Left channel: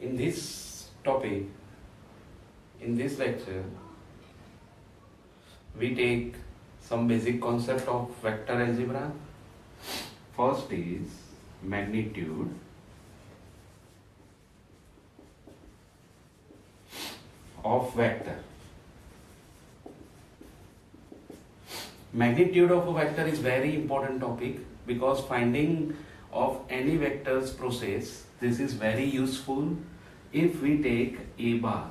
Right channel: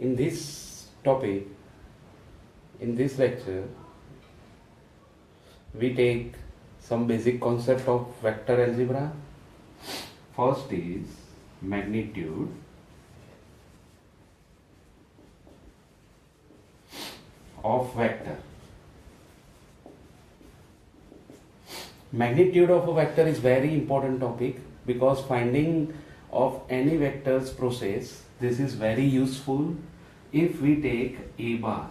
In this topic, in this lecture, we take some basic concept of vector algebra. First is magnitude. Of vector. Magnitude of a vector is very important topic because finding of any vectors process, this is very useful if we take A bar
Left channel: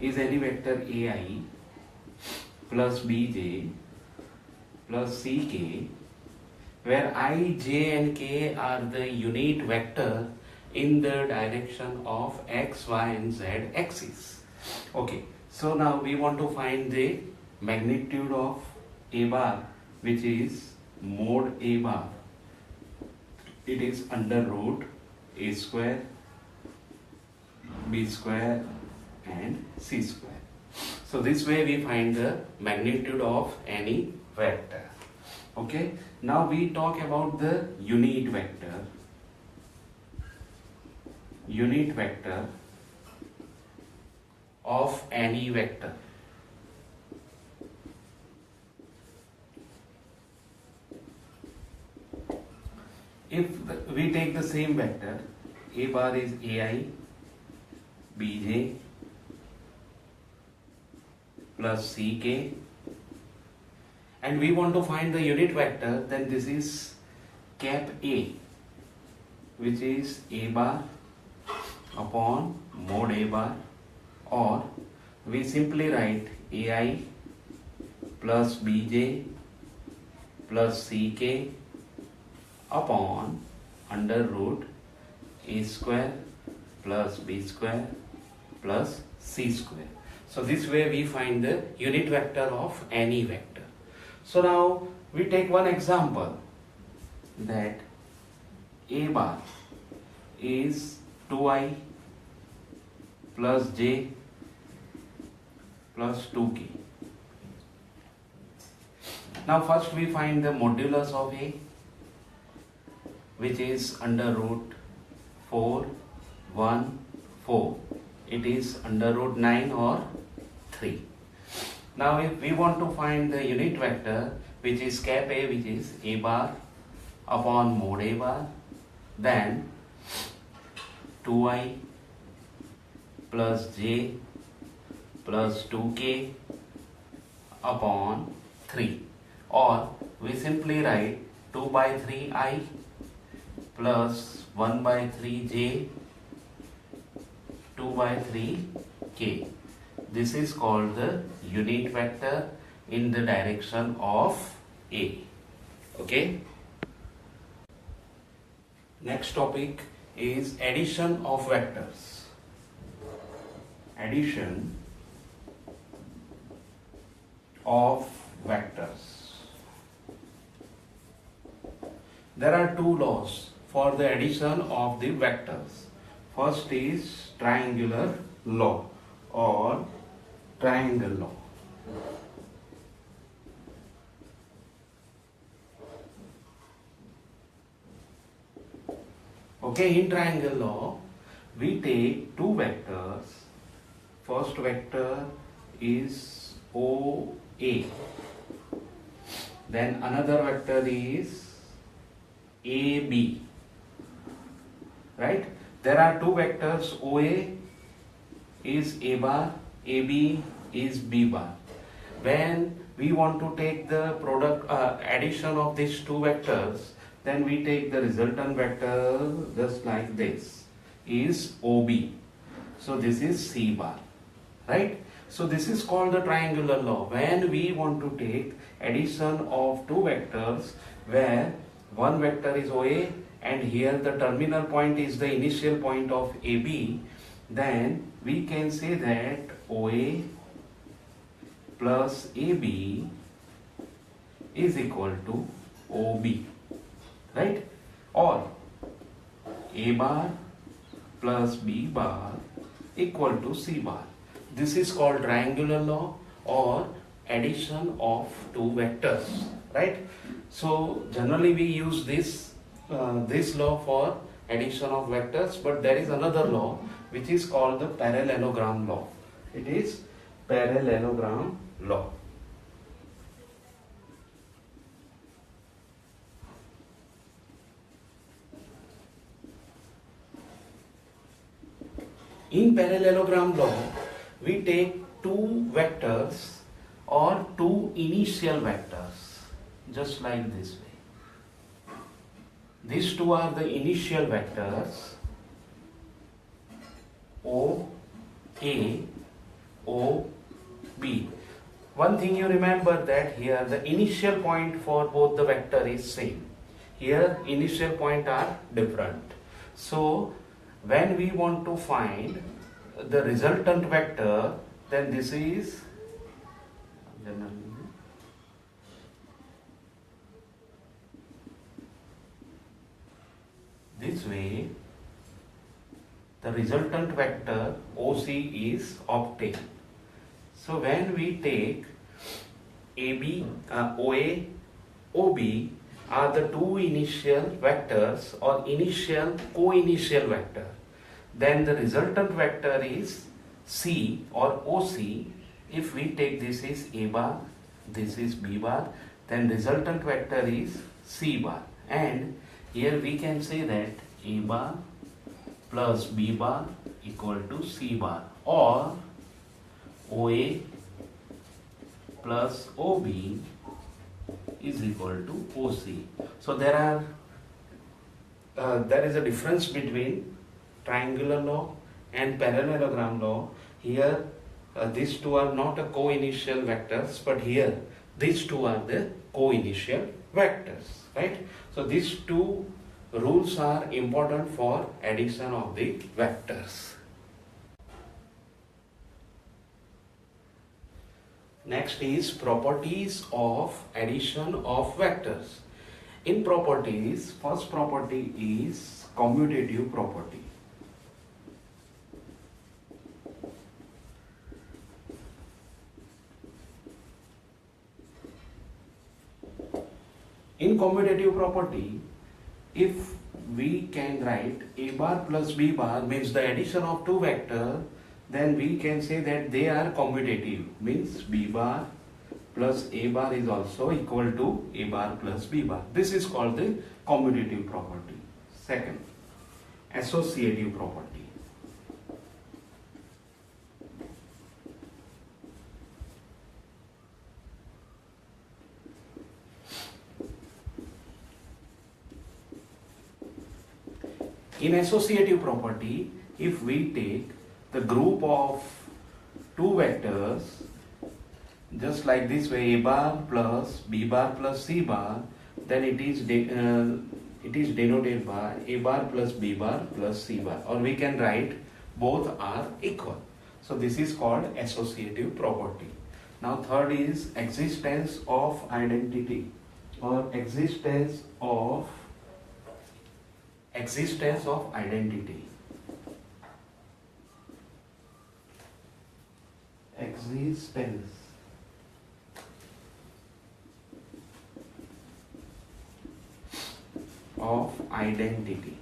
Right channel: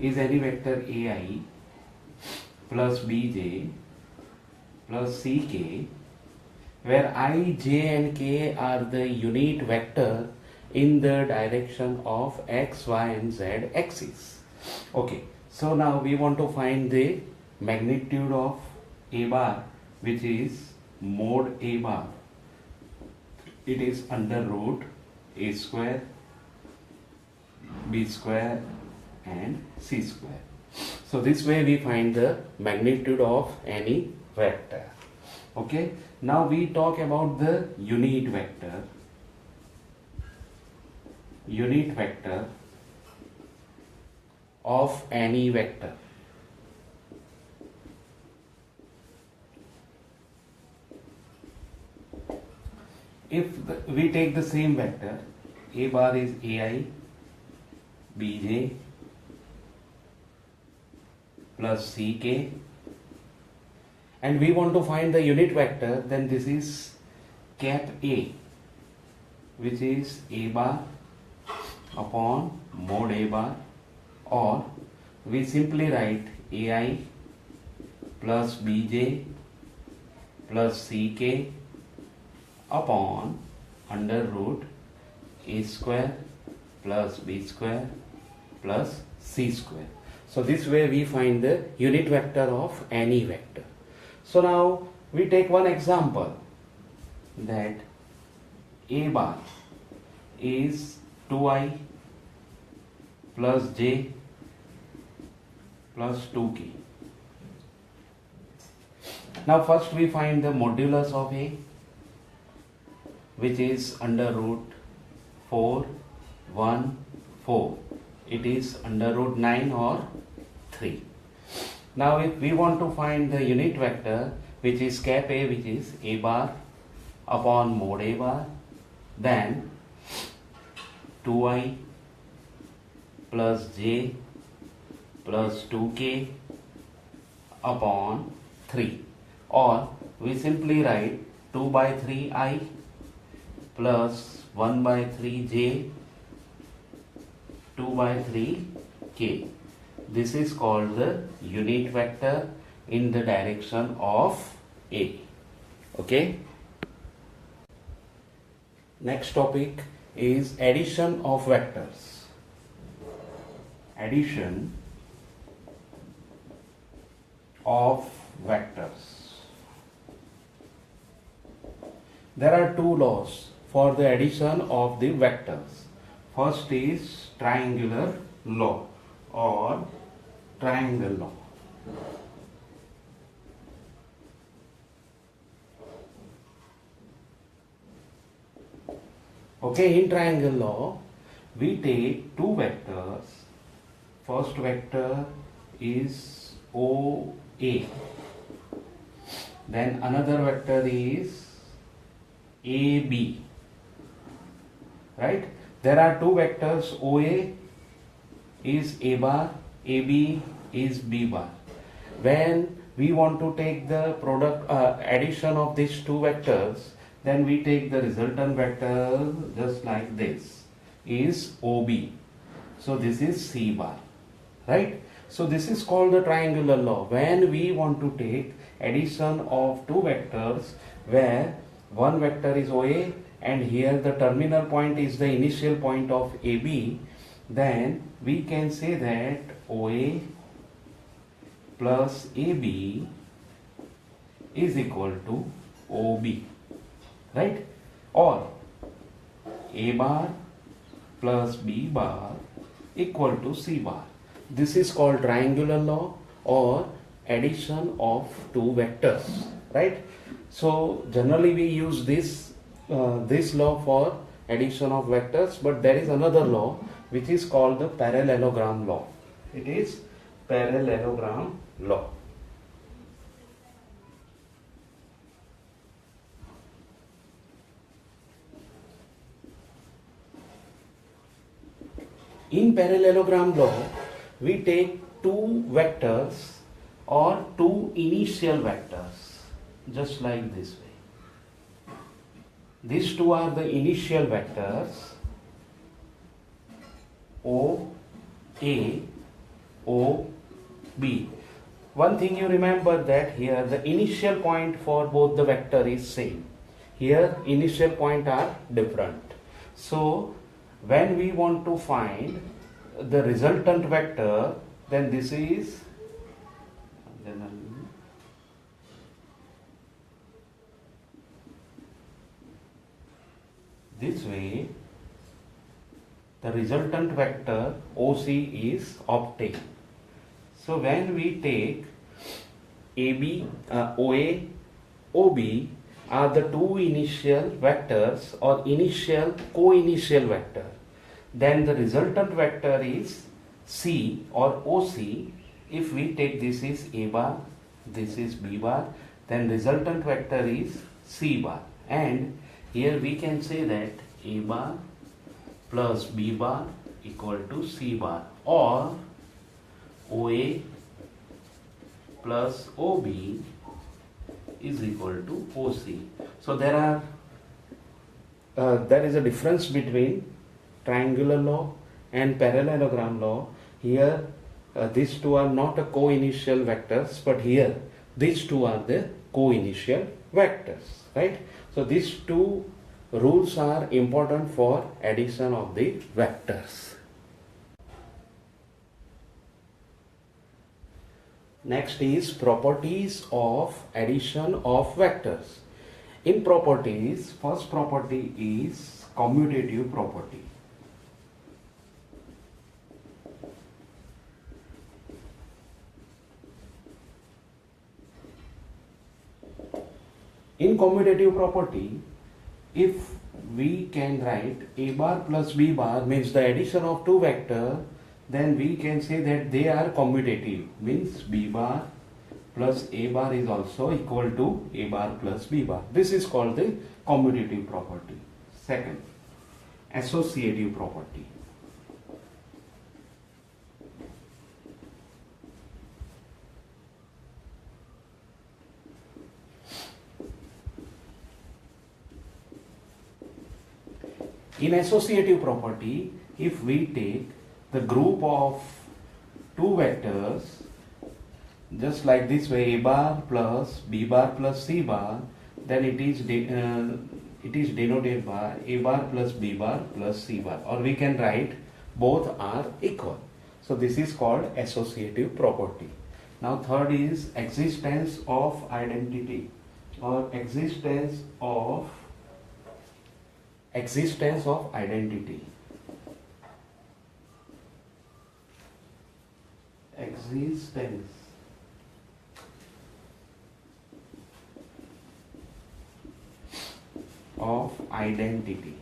is any vector AI plus BJ plus CK, where I, J and K are the unit vector in the direction of X, Y and Z axis. Okay, so now we want to find the magnitude of A bar, which is mod A bar. It is under root A square, B square and C square. So this way we find the magnitude of any vector. Okay, now we talk about the unit vector. Unit vector of any vector. If we take the same vector, A bar is AI, BJ plus CK, and we want to find the unit vector, then this is cap A, which is A bar upon mod A bar, or we simply write AI plus BJ plus CK upon under root A square plus B square plus C square. So this way we find the unit vector of any vector. So now we take one example, that A bar is 2i plus j plus 2k. Now first we find the modulus of A, which is under root 4, 1, 4. It is under root 9 or 3. Now if we want to find the unit vector, which is cap A, which is A bar upon mod A bar, then 2i plus j plus 2k upon 3, or we simply write 2 by 3i plus 1 by 3j 2 by 3k. This is called the unit vector in the direction of A. Okay. Next topic is addition of vectors. Addition of vectors. There are two laws for the addition of the vectors. First is triangular law or triangle law. Okay, in triangle law, we take two vectors. First vector is OA. Then another vector is AB. Right? There are two vectors. OA is A bar, AB is B bar. When we want to take the product addition of these two vectors, then we take the resultant vector just like this, is OB. So this is C bar. Right? So this is called the triangular law. When we want to take addition of two vectors where one vector is OA and here the terminal point is the initial point of AB, then we can say that OA plus AB is equal to OB, right? Or A bar plus B bar equal to C bar. This is called triangular law or addition of two vectors, right? So generally we use this law for addition of vectors, but there is another law which is called the parallelogram law. It is parallelogram law. In parallelogram law, we take two vectors or two initial vectors, just like this way. These two are the initial vectors O, A, O, B. One thing you remember that here the initial point for both the vector is same. Here initial point are different. So when we want to find the resultant vector, then this is this way, the resultant vector OC is obtained. So when we take AB, OA, OB are the two initial vectors or initial co-initial vector, then the resultant vector is C or OC. If we take this is A bar, this is B bar, then resultant vector is C bar. And here we can say that A bar plus B bar equal to C bar, or OA plus OB is equal to OC. So there is a difference between triangular law and parallelogram law. Here these two are not a co-initial vectors, but here these two are the co-initial vectors, right? So these two rules are important for addition of the vectors. Next is properties of addition of vectors. In properties, first property is commutative property. In commutative property, if we can write A bar plus B bar means the addition of two vectors, then we can say that they are commutative, means B bar plus A bar is also equal to A bar plus B bar. This is called the commutative property. Second, associative property. In associative property, if we take the group of two vectors, just like this way, A bar plus B bar plus C bar, then it is denoted by A bar plus B bar plus C bar, or we can write both are equal. So this is called associative property. Now third is existence of identity or existence of identity. Existence of identity.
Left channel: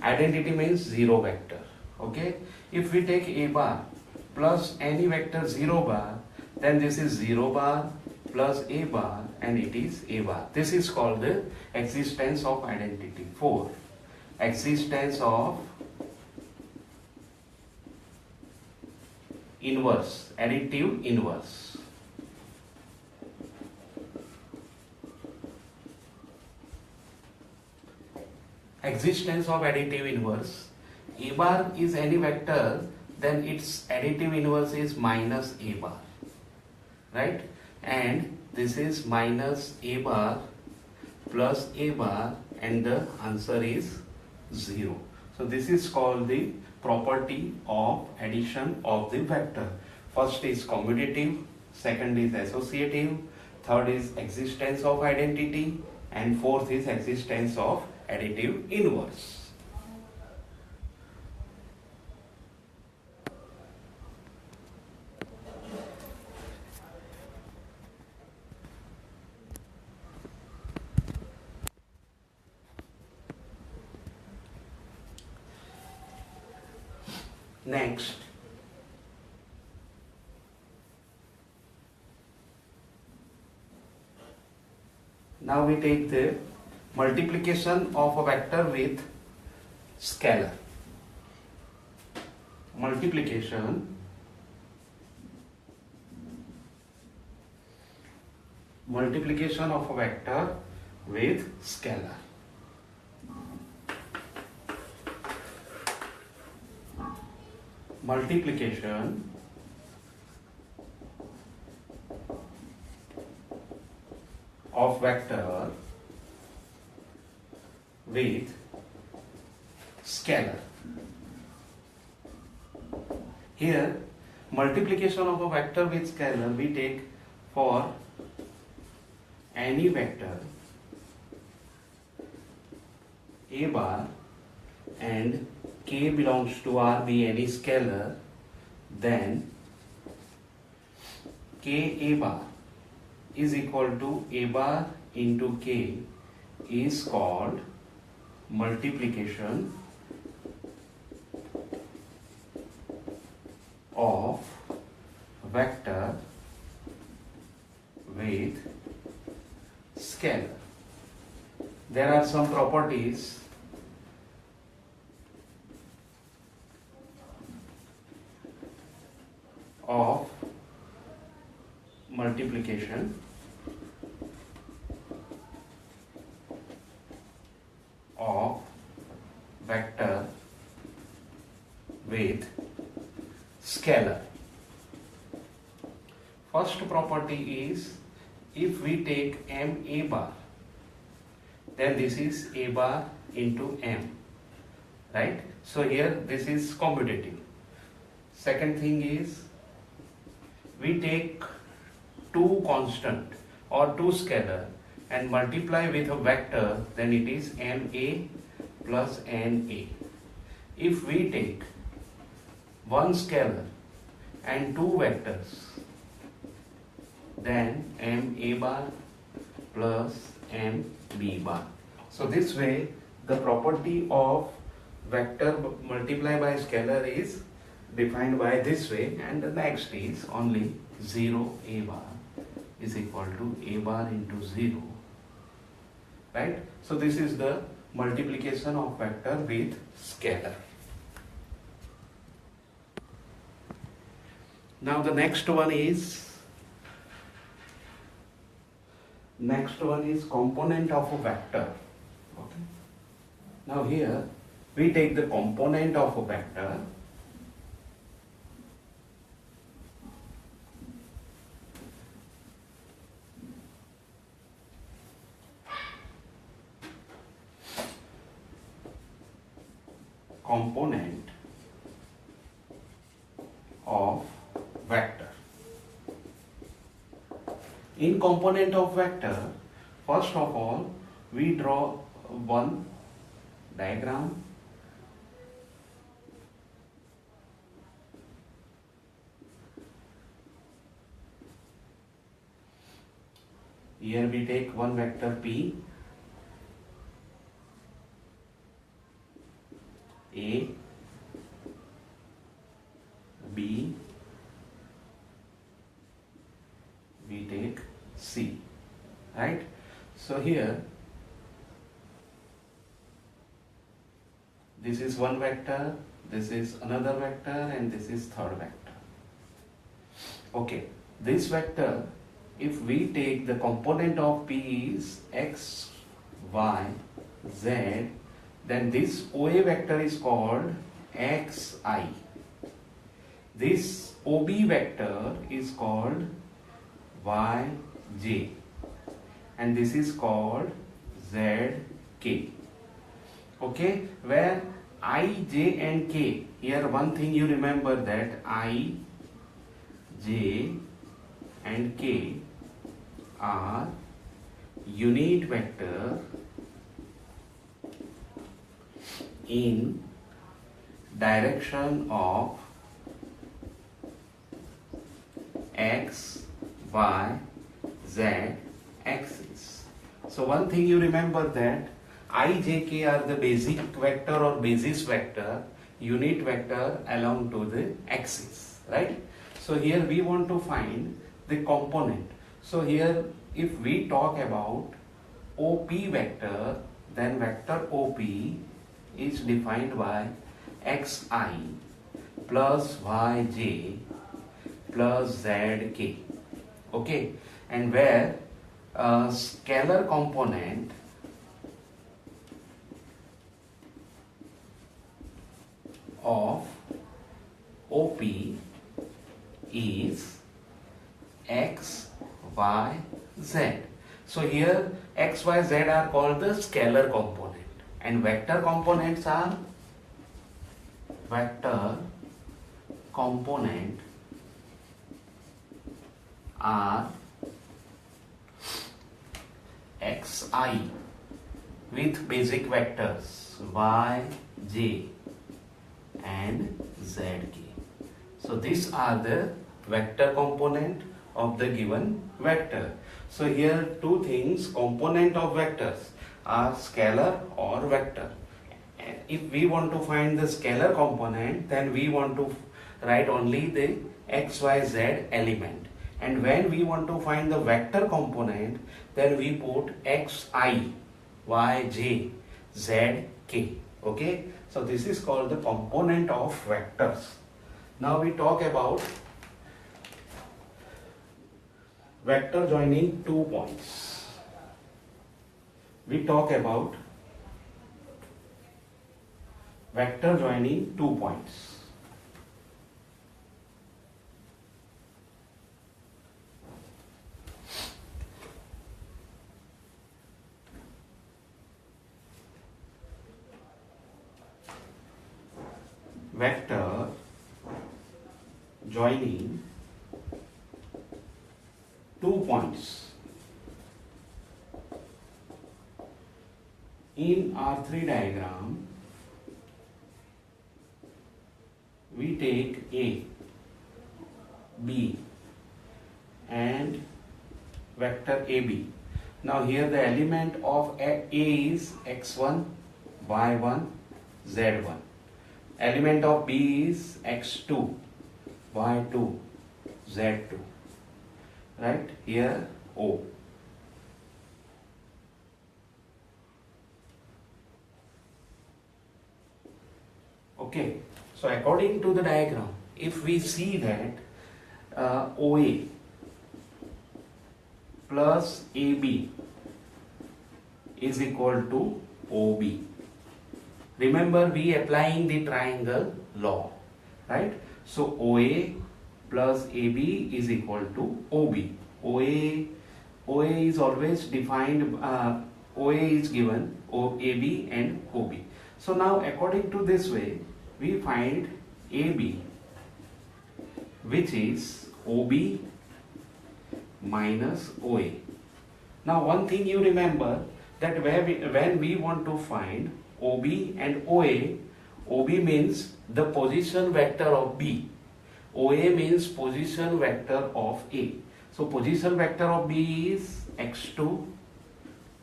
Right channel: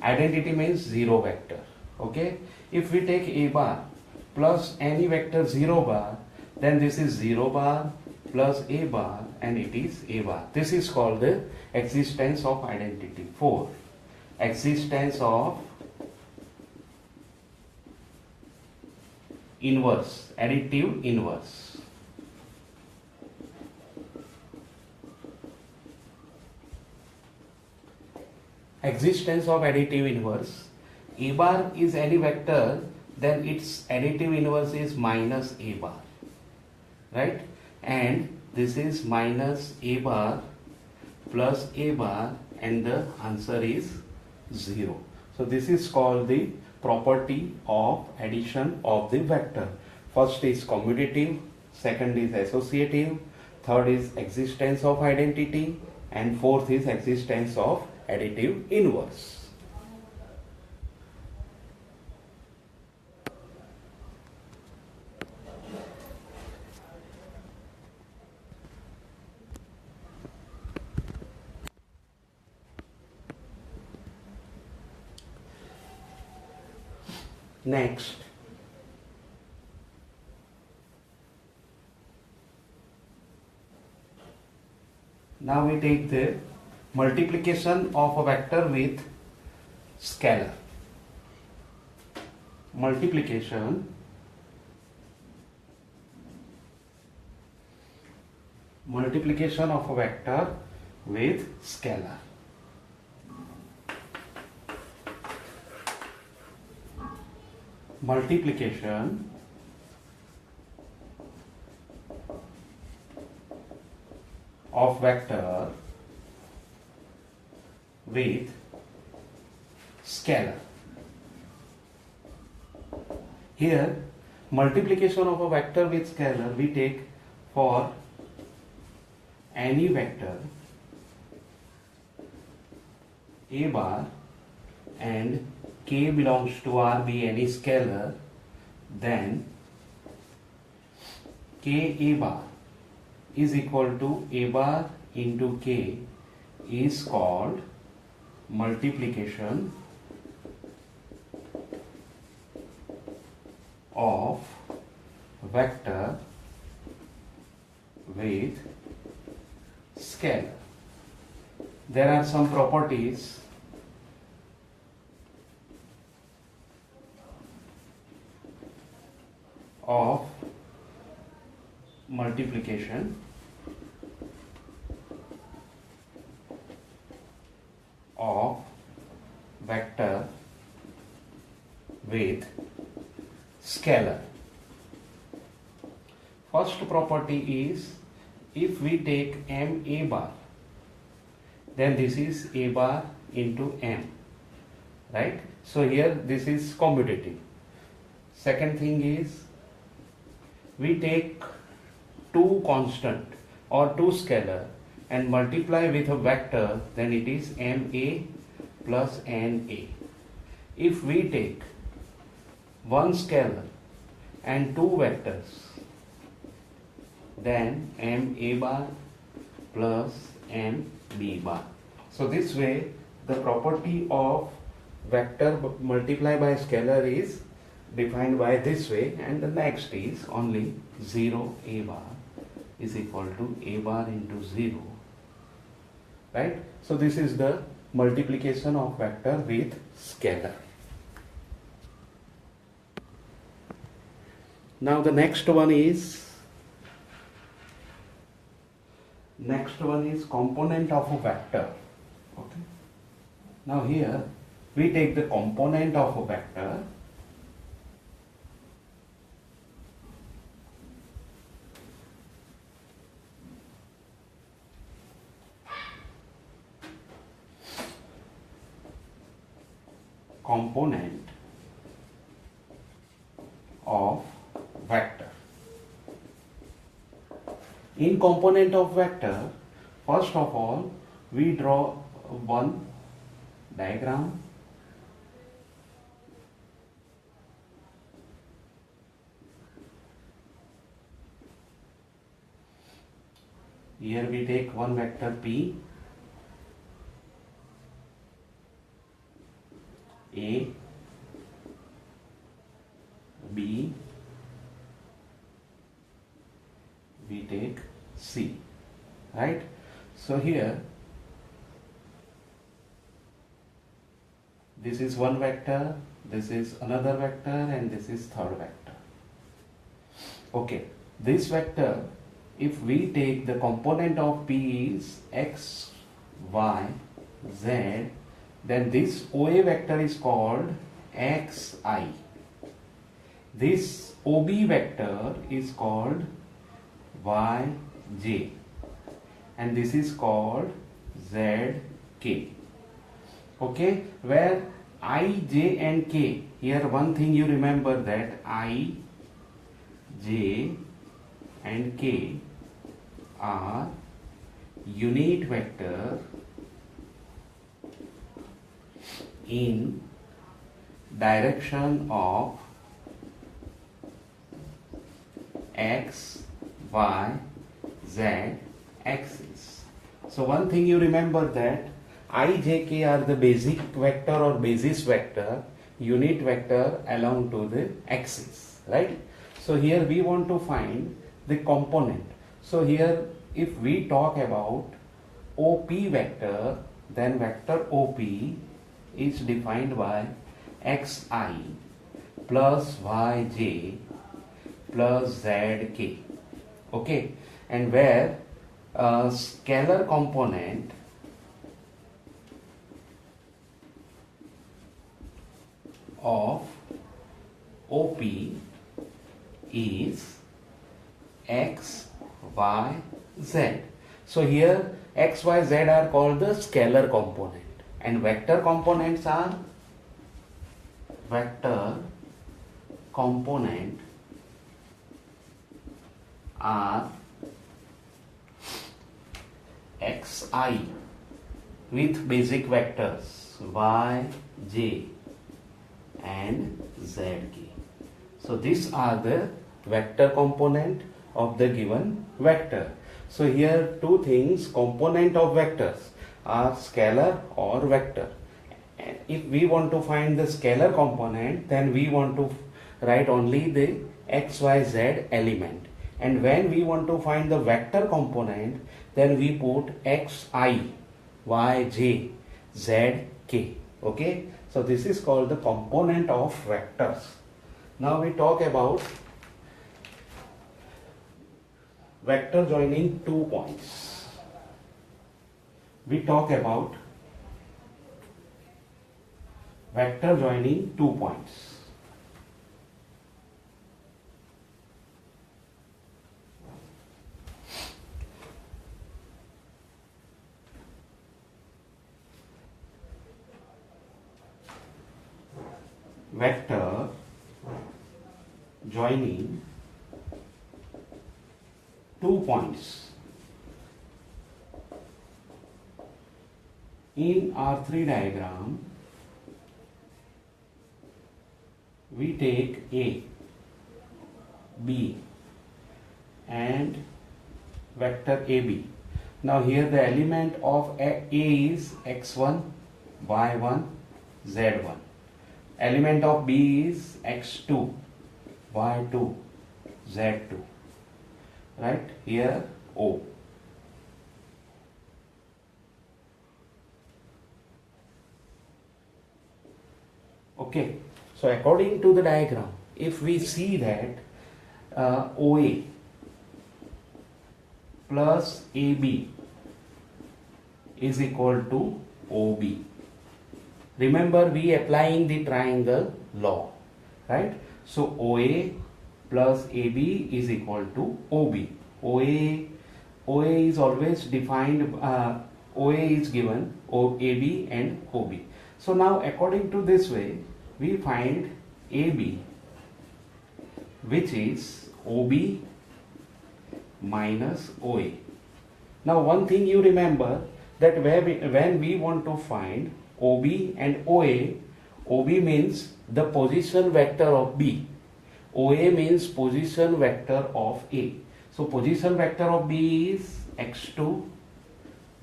Identity means zero vector. Okay, if we take A bar plus any vector 0 bar, then this is 0 bar plus A bar and it is A bar. This is called the existence of identity. 4. Existence of inverse, additive inverse. Existence of additive inverse. A bar is any vector, then its additive inverse is minus A bar, right? And this is minus A bar plus A bar, and the answer is 0. So this is called the property of addition of the vector. First is commutative, second is associative, third is existence of identity, and fourth is existence of additive inverse. Next, now we take the multiplication of a vector with scalar. Multiplication of a vector with scalar. Multiplication of vector with scalar. Here, multiplication of a vector with scalar we take for any vector a bar and k belongs to R be any scalar, then k a bar is equal to a bar into k is called multiplication of vector with scalar. There are some properties of multiplication of vector with scalar. First property is, if we take m a bar, then this is a bar into m, right? So here this is commutative. Second thing is, we take two constant or two scalar and multiply with a vector, then it is ma plus na. If we take one scalar and two vectors, then ma bar plus mb bar. So this way the property of vector multiplied by scalar is defined by this way, and the next is only 0 a bar is equal to a bar into 0, right? So this is the multiplication of vector with scalar. Now the next one is component of a vector. Okay. Now here we take the component of a vector. Component of vector. In component of vector, first of all, we draw one diagram. Here we take one vector P, A, B, we take C, right? So here this is one vector, this is another vector, and this is third vector. Okay, this vector, if we take the component of P is x, y, z, then this OA vector is called xi. This OB vector is called yj, and this is called zk. Okay, where I, j and k, here one thing you remember, that I, j and k are unit vector in direction of x, y, z axis. So one thing you remember, that I, j, k are the basic vector or basis vector unit vector along to the axis, right? So here we want to find the component. So here if we talk about OP vector, then vector OP is defined by xi plus yj plus zk. Okay, and where a scalar component of OP is x, y, z. So here x, y, z are called the scalar component, and vector components are xi with basic vectors y, j and zk. So these are the vector component of the given vector. So here two things, component of vectors are scalar or vector. If we want to find the scalar component, then we want to write only the x, y, z element. And when we want to find the vector component, then we put xi, yj, zk. Okay, so this is called the component of vectors. Now we talk about vector joining 2 points. We talk about vector joining 2 points. Vector joining 2 points. In R3 diagram, we take A, B and vector AB. Now here the element of A is x1, y1, z1. Element of B is x2, y2, z2. Right? Here O. Okay. So according to the diagram, if we see that OA plus AB is equal to OB. Remember, we applying the triangle law, right? So OA plus AB is equal to OB. OA is always defined, OA is given, AB and OB. So now according to this way, we find AB, which is OB minus OA. Now one thing you remember, that when we want to find OB and OA, OB means the position vector of B, OA means position vector of A. So position vector of B is x2,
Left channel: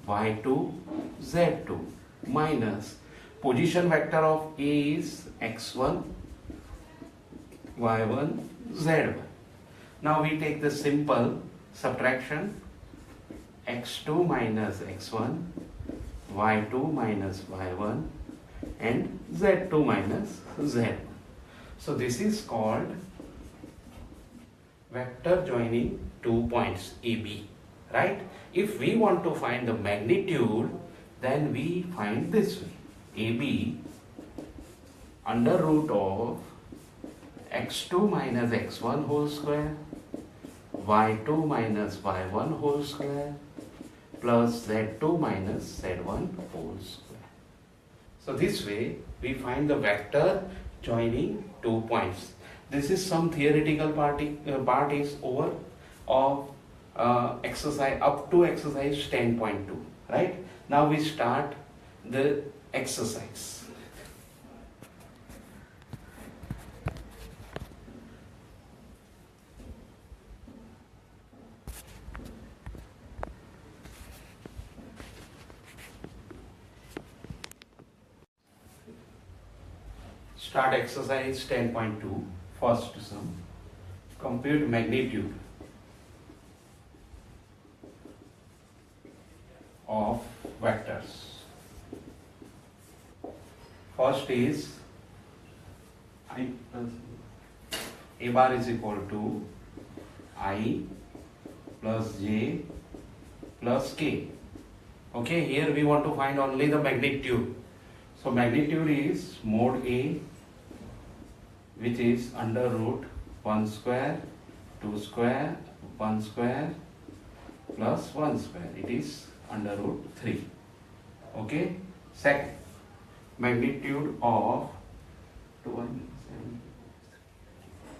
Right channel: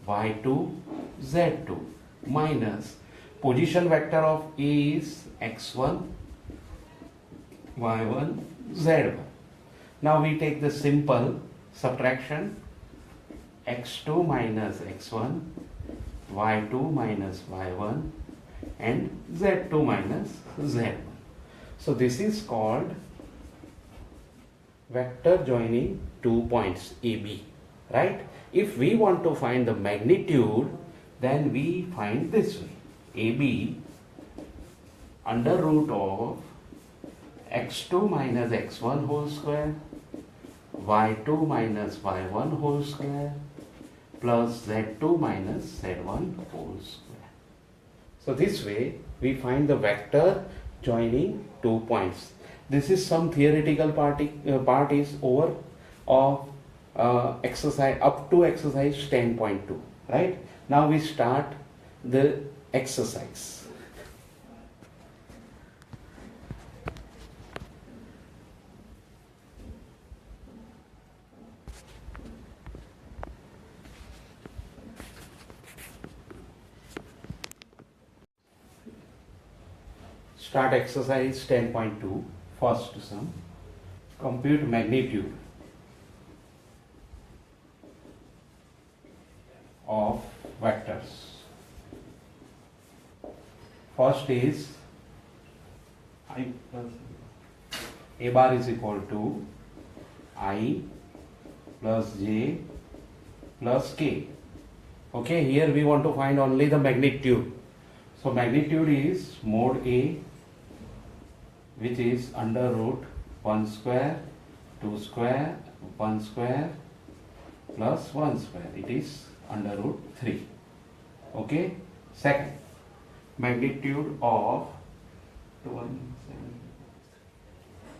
y2, z2 minus position vector of A is x1, y1, z1. Now we take the simple subtraction, x2 minus x1, y2 minus y1 and z2 minus z1. So this is called vector joining 2 points AB, right? If we want to find the magnitude, then we find this way. AB under root of x2 minus x1 whole square, y2 minus y1 whole square plus z2 minus z1 whole square. So this way we find the vector joining 2 points. This is some theoretical part is over of exercise up to exercise 10.2, right? Now we start the exercise. Start exercise 10.2. First sum. Compute magnitude of vectors. First is I plus a bar is equal to I plus j plus k. Okay, here we want to find only the magnitude. So magnitude is mod A, which is under root 1 square, 2 square, 1 square plus 1 square. It is under root 3. Okay. Second, magnitude of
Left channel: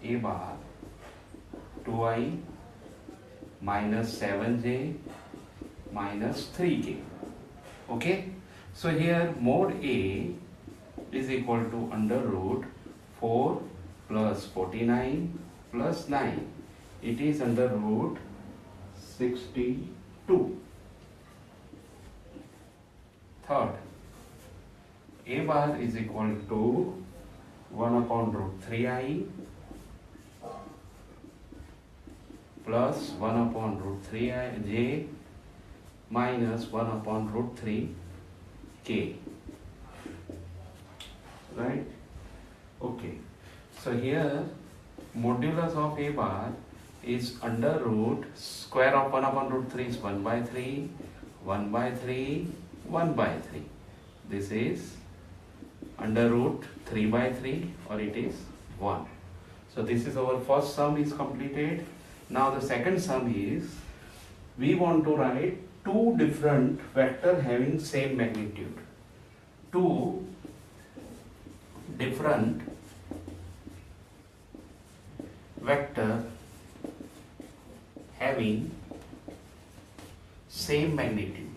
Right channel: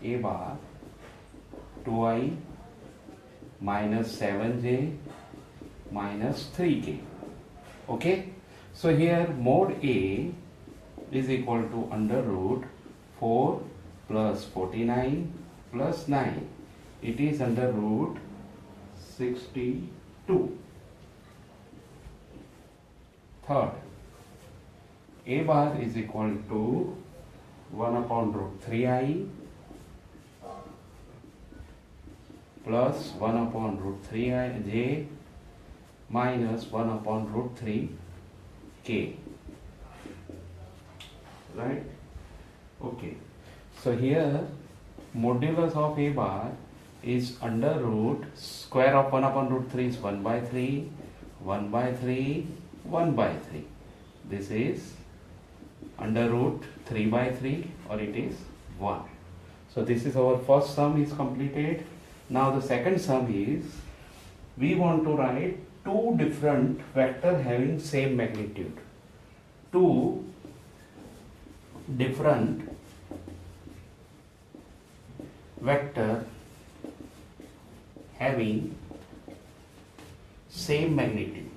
a bar 2i minus 7j minus 3k. Okay. So here mod A is equal to under root 4 plus 49 plus 9. It is under root 62. Third, a bar is equal to 1 upon root 3i plus 1 upon root 3j minus 1 upon root 3k. Right? Okay. So here modulus of a bar is under root square of 1 upon root 3 is 1 by 3, 1 by 3, 1 by 3. This is under root 3 by 3 or it is 1. So this is our first sum is completed. Now the second sum is we want to write two different vector having same magnitude. Two different vector having same magnitude.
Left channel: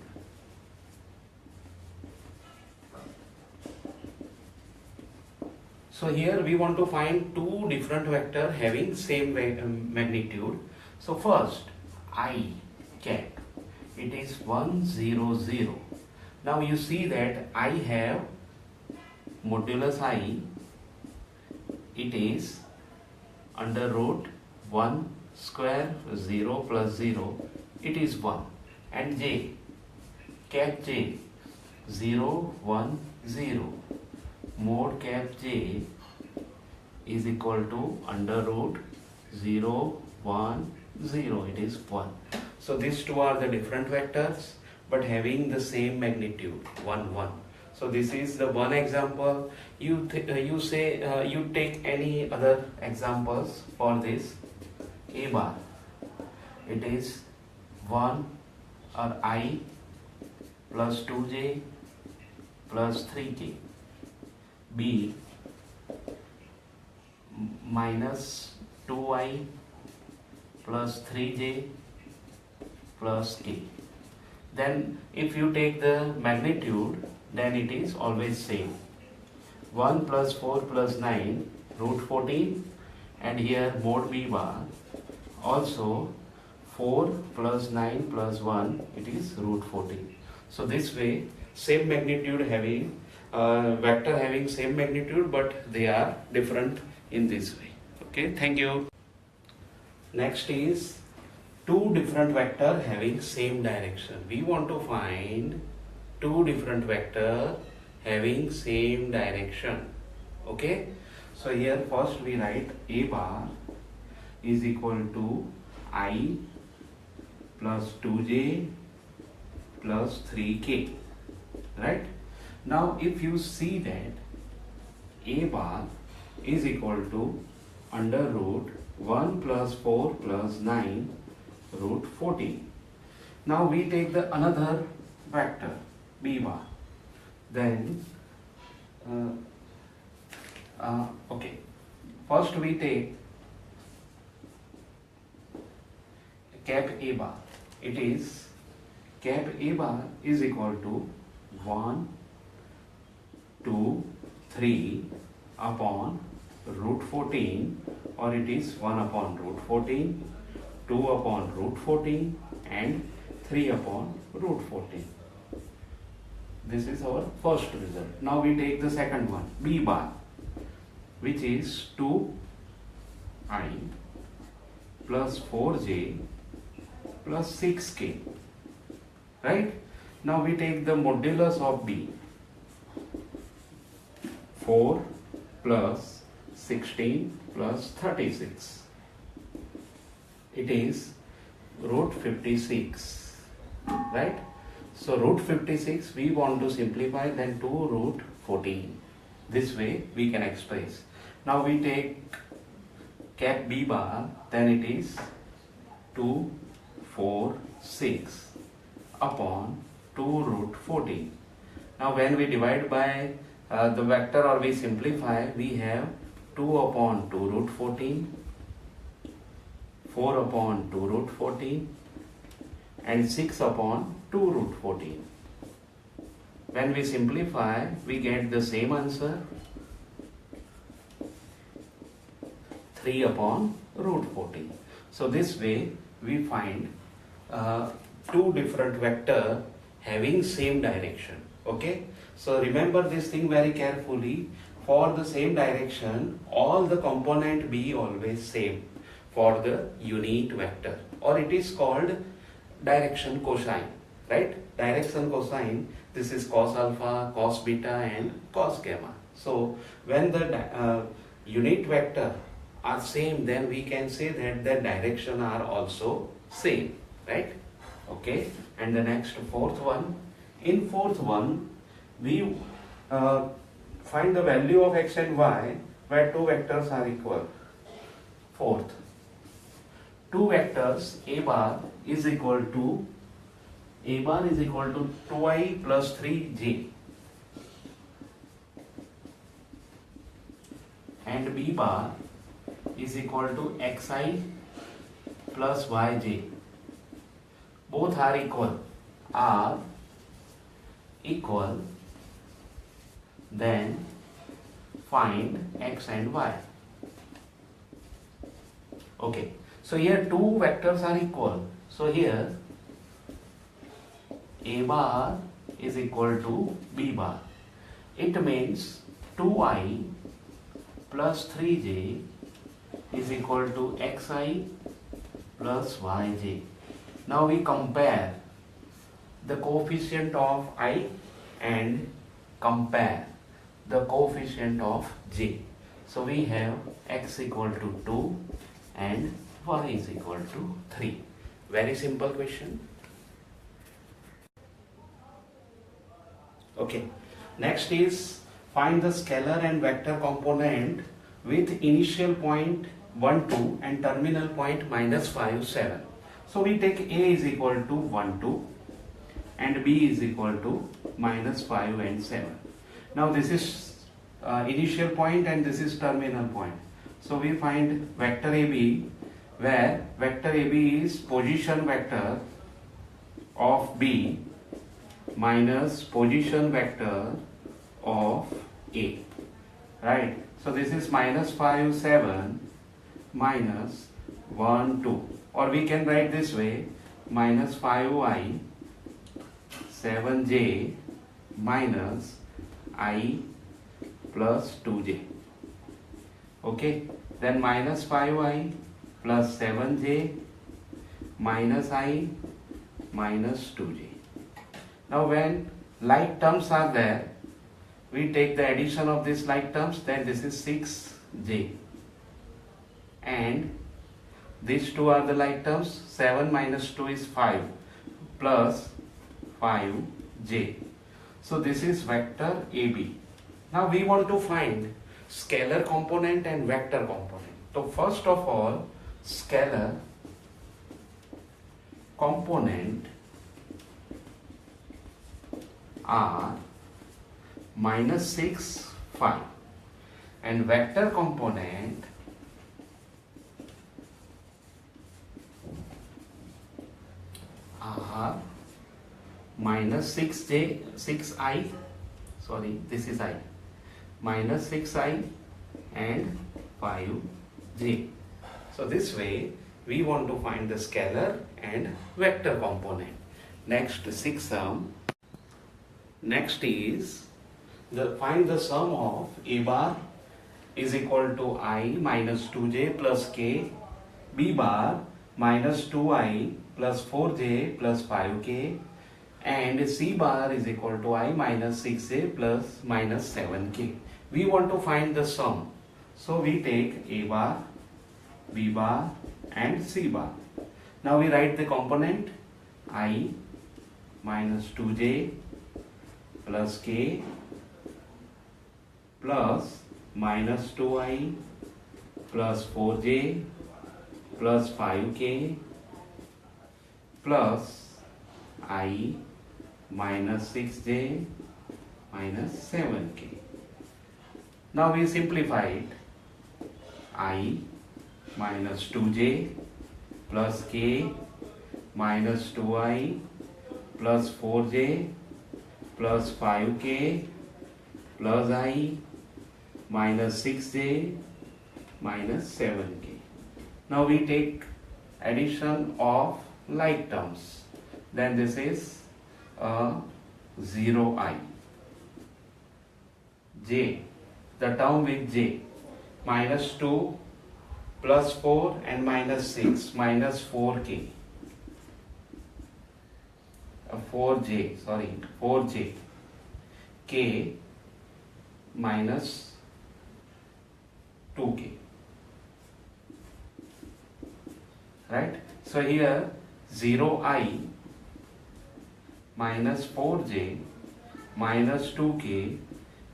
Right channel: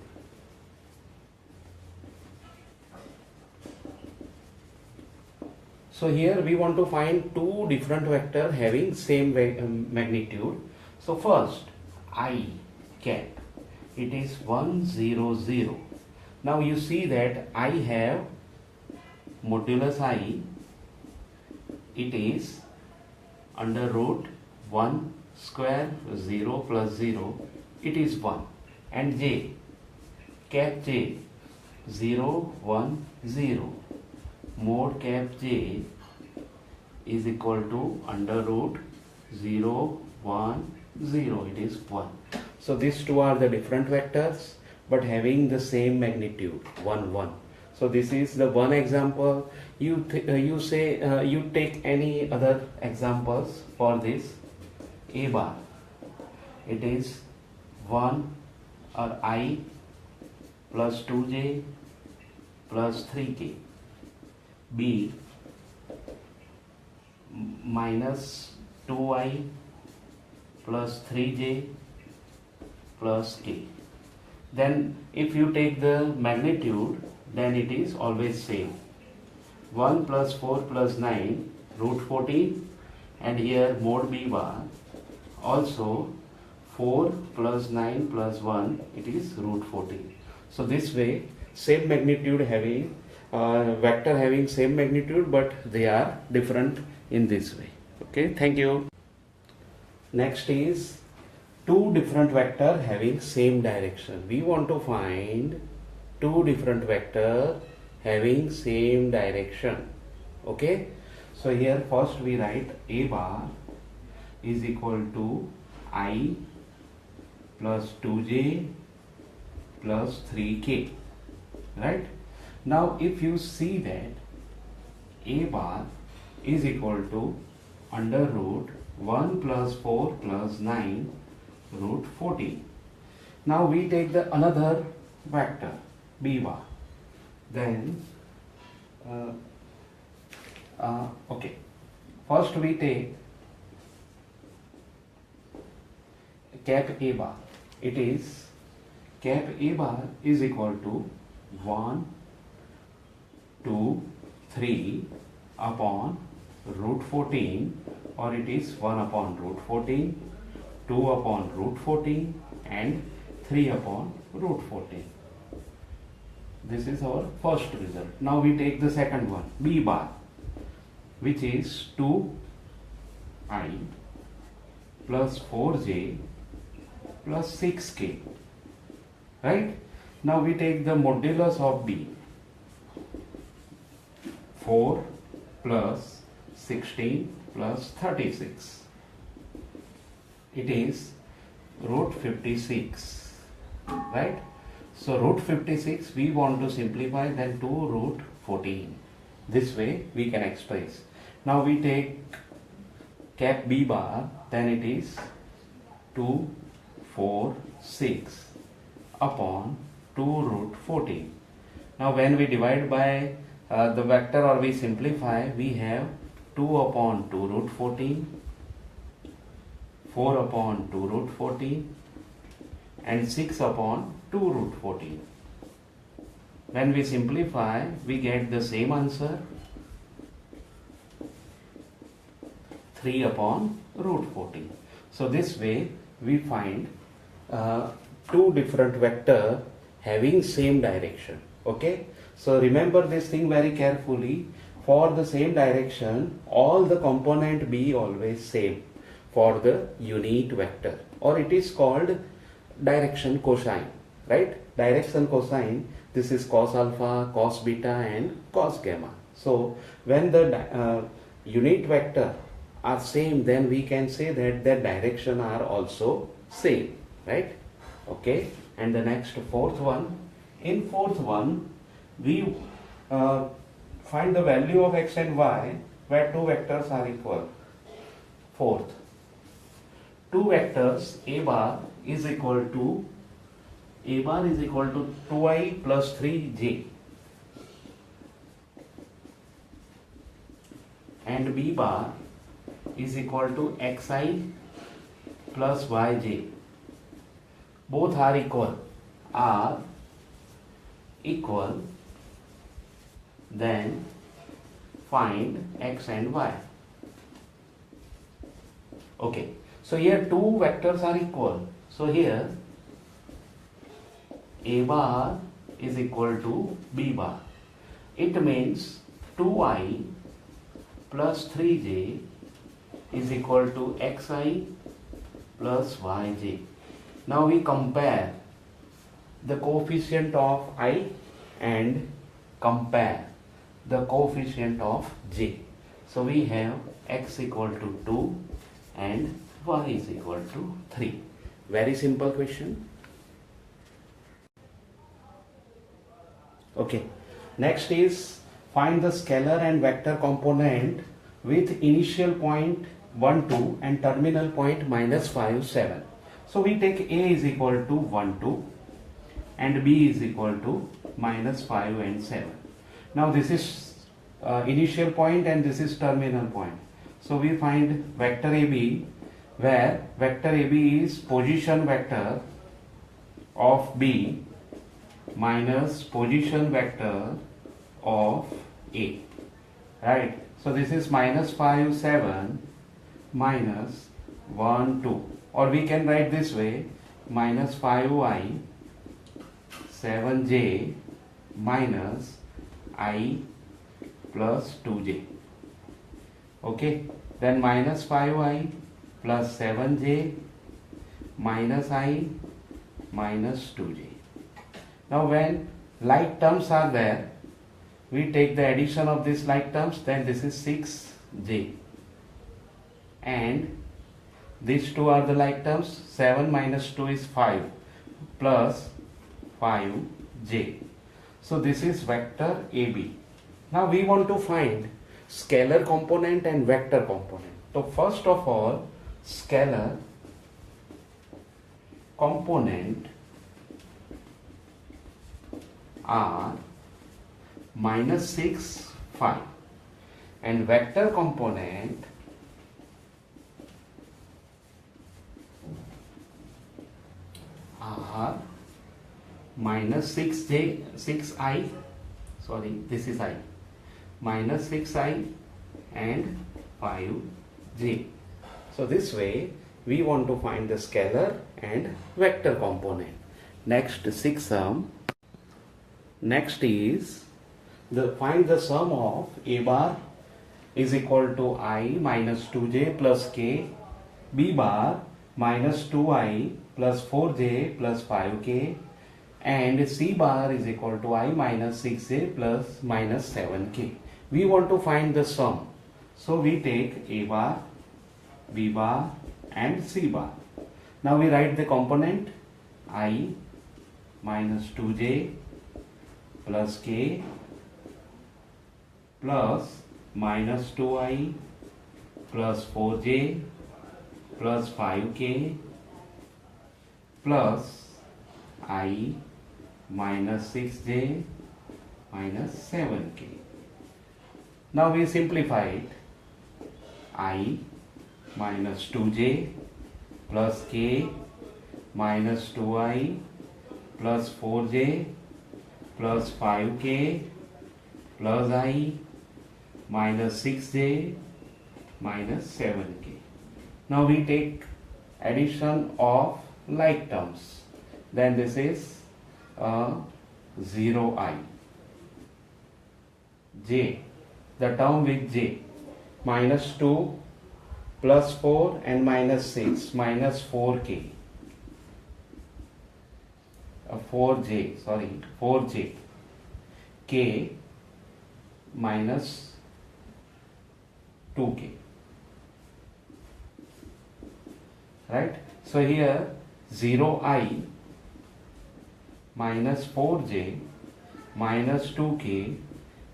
So here we want to find two different vector having same magnitude. So first I cap, it is 1 0 0. Now you see that I have modulus I, it is under root 1 square 0 plus 0, it is 1, and j, cap j 0 1 0, mod cap j is equal to under root 0 1 0, it is 1. So these two are the different vectors but having the same magnitude 1 1. So this is the one example. You take any other examples for this. A bar, it is 1 or I plus 2j plus 3k. B minus 2i plus 3j plus k. Then if you take the magnitude, then it is always same. 1 plus 4 plus 9 root 14, and here mod B bar also 4 plus 9 plus 1, it is root 14. So this way same magnitude having vector having same magnitude but they are different in this way. Okay, thank you. Next is two different vector having same direction. We want to find two different vector having same direction. Okay, so here first we write a bar is equal to I plus 2j plus 3k. Right? Now if you see that a bar is equal to under root 1 plus 4 plus 9 root 14. Now we take the another vector b bar. Then okay, first we take cap a bar. It is cap a bar is equal to 1 2 3 upon root 14, or it is 1 upon root 14, 2 upon root 14 and 3 upon root 14. This is our first result. Now we take the second one, b bar. which is 2i plus 4j plus 6k, right? Now we take the modulus of b. 4 plus 16 plus 36. It is root 56, right? So root 56 we want to simplify, then to root 14. This way we can express. Now we take cap b bar, then it is 2, 4, 6 upon 2 root 14. Now when we divide by the vector or we simplify, we have 2 upon 2 root 14, 4 upon 2 root 14 and 6 upon 2 root 14. When we simplify, we get the same answer, 3 upon root 14. So this way we find two different vector having same direction. Okay, so remember this thing very carefully. For the same direction, all the component be always same for the unit vector, or it is called direction cosine, right? Direction cosine, this is cos alpha, cos beta and cos gamma. So when the unit vector are same, then we can say that their direction are also same, right? Okay, and the next fourth one. In fourth one, we find the value of x and y where two vectors are equal. Fourth, two vectors a bar is equal to 2i plus 3j and b bar is equal to xi plus yj. Both are equal, then find x and y. Okay, so here two vectors are equal. So here a bar is equal to b bar. It means 2i plus 3j is equal to xi plus yj. Now we compare the coefficient of I and compare the coefficient of j. So we have x equal to 2 and y is equal to 3. Very simple question. Okay, next is find the scalar and vector component with initial point 1, 2 and terminal point minus 5, 7. So we take a is equal to 1, 2 and b is equal to minus 5 and 7. Now this is initial point and this is terminal point. So we find vector AB, where vector AB is position vector of B minus position vector of A, right? So this is minus 5, 7 minus 1, 2, or we can write this way, minus 5i 7j minus I plus 2j. Okay, then minus 5i plus 7j minus I minus 2j. Now when like terms are there, we take the addition of these like terms, then this is 6j and these two are the like terms. 7 minus 2 is 5 plus 5j. So this is vector AB. Now we want to find scalar component and vector component. So first of all, scalar component are minus 6, 5 and vector component are minus 6i, sorry, this is I, minus 6i and 5j. So this way we want to find the scalar and vector component. Next, sixth sum. Next is find the sum of a bar is equal to I minus 2j plus k. B bar minus 2I plus 4j plus 5k. And C bar is equal to I minus 6j plus minus 7k. We want to find the sum. So we take A bar, B bar and C bar. Now we write the component I minus 2j plus k plus minus 2I plus 4j plus 5k plus I minus 6j minus 7k. Now we simplify it. I minus 2j plus k minus 2I plus 4j plus 5k plus I minus 6j minus 7k. Now we take addition of like terms. Then this is 0I. J, the term with j, minus 2 plus 4 and minus 6 minus 4k. 4j, k minus 2k. Right? So here 0I minus 4j minus 2k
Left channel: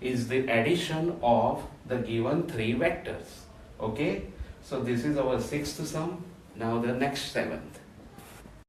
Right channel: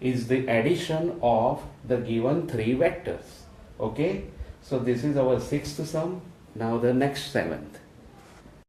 is the addition of the given three vectors. Okay? So this is our sixth sum. Now the next seventh.